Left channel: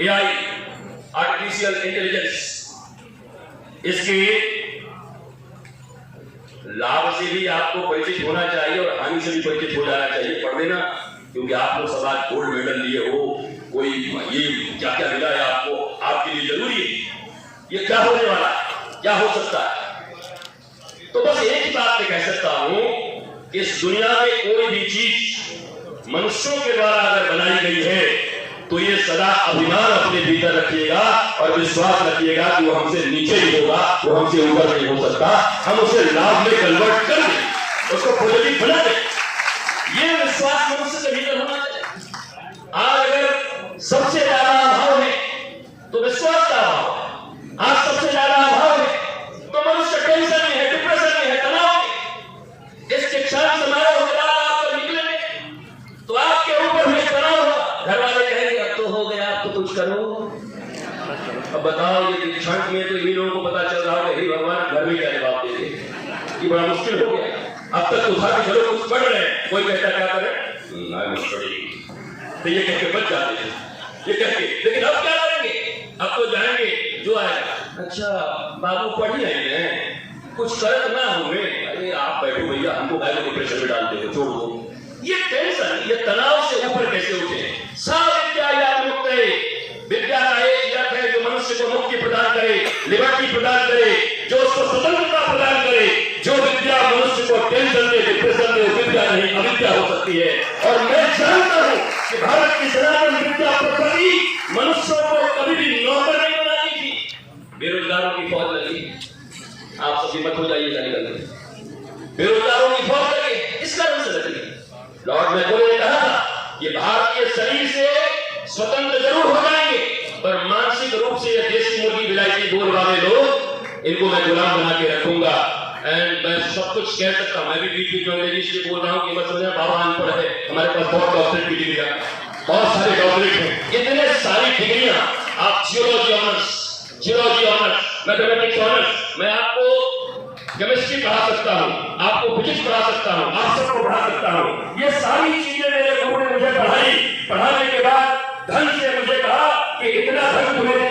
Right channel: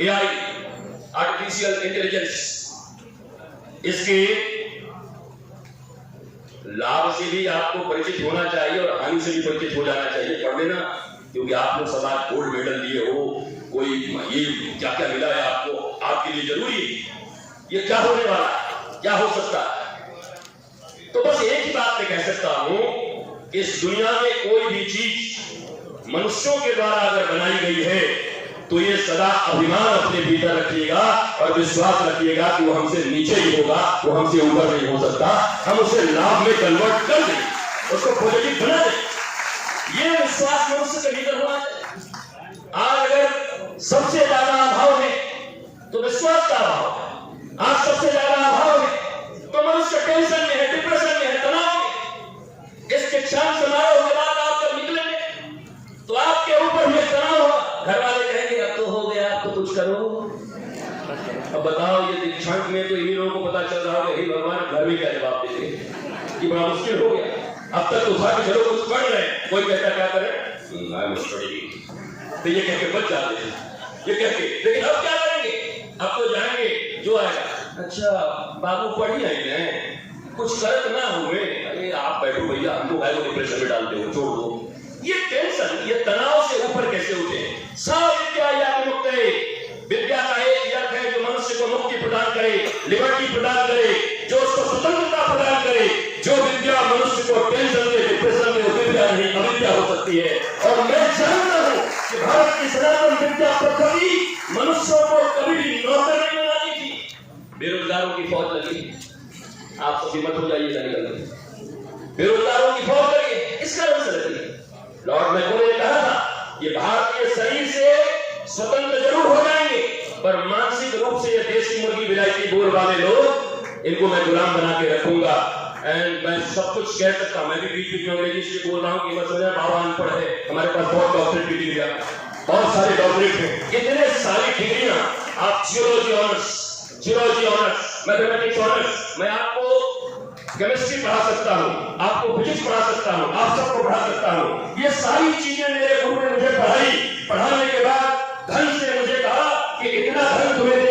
AI, artificial intelligence, इसके लाभ से भी आपको परिचित होना चाहिए और हानि से भी परिचित हो जाना चाहिए। पढ़ लेना, क्योंकि आप लोग सब आज गोल्ड मेडल लिए हो, कोई ये क्या क्या मिला है आपको, आपके लिए जरूरी है। ये क्या होने वाला है, क्या हो सकता है? तो बस एक ही बात मैं कह सकता हूं, इस दुनिया में कोई भी चीज मनुष्यों के द्वारा अगर बनाई गई है तो ये सदा अभिमान अपने भीतर रखिएगा और विश्वास रखिएगा कि वो हमसे नीचे ही होगा, वो हमसे ऊपर नहीं हो सकता। हम उसे लाभ में कन्वर्ट कर दें, उसको पॉजिटिव बना दें। ये विश्वास मनुष्य के भीतर होना चाहिए। आज अगर सबसे ज्यादा अभाव है तो विश्वास का अभाव, आज सबसे ज्यादा अभाव है तो मनुष्य टेंशन में है, डिप्रेशन में है, तनाव में। इस शिक्षा समारोह के बाद आप निकलेंगे तो आपके ऊपर में तनाव होगा। घर वाले कहेंगे अब तो हो गया, अब तो कुछ करो। अब बताओ, ये दीक्षांत में तो इन लोगों को पता चल रहा होगा, हे भगवान घर में क्या जवाब देंगे, ये बड़ा मुश्किल हो गया। अब तक तो उठा के चलो कुछ पढ़ रहे हैं, कोई कहता क्या करे, तो ये कह के बच जाते हैं, ये कह के। लेकिन अब क्या करेंगे, अब तो जाएंगे जो आएगा, अच्छा बाबू पढ़ ही आई हैं, कुछ करत ना हुए। अरे आप बैठो भैया, हमको काय को डिप्रेशन में डालते हो, छोड़ दो। ये टेंशन, ये तनाव से ऊपर कैसे उठे? विद्या मुक्त है। विद्या का एक अर्थ है जो मनुष्य को मुक्ति प्रदान करे, लिबर्टी प्रदान करे, जो उसको स्वतंत्रता प्रदान करे। जो विद्या मनुष्य को टेंशन में, डिप्रेशन में, विद्या नहीं अविद्या हो सकती है। और मैं जानता हूं कि भारत की सनातन विद्या पद्धति मनुष्यों को कभी भी नौकर नहीं बनानी थी। बेरोजगारों की फौज लगी, आप सभी मत हो जाइएगा निकल के। बेरोजगारों की फौज लगी, इस कारण से लगी। लॉर्ड मैकॉले ने कहा था ये भारतीय शरीर से स्वतंत्र जरूर हो जाएंगे, पर मानसिक रूप से ये देसी मुर्गी विलायती बोल वाले लोग, इनको मैं गुलाम बना के रखूंगा। एंड मैं सब कुछ कह सकता हूं, मैं भी बीच बीच में अंग्रेजी से बोल रहा हूं कि मतलब बाबा अनपढ़ है, हमारे पास बहुत डॉक्टरेट की डिग्री है, बहुत सारे डॉक्टरेट हैं, इतने सारी डिग्रियां। आप जियोलॉजी ऑनर्स, मैथमेटिक्स ऑनर्स, मैं आपको केमिस्ट्री पढ़ा सकता हूँ, आपको फिजिक्स पढ़ा सकता हूँ, आप सबको पढ़ा सकता हूँ। ये सारी चीजें मेरे गुरु ने मुझे पढ़ाई। पढ़ाने के बाद धन से मुझे कहा कि इतना धन तुम्हें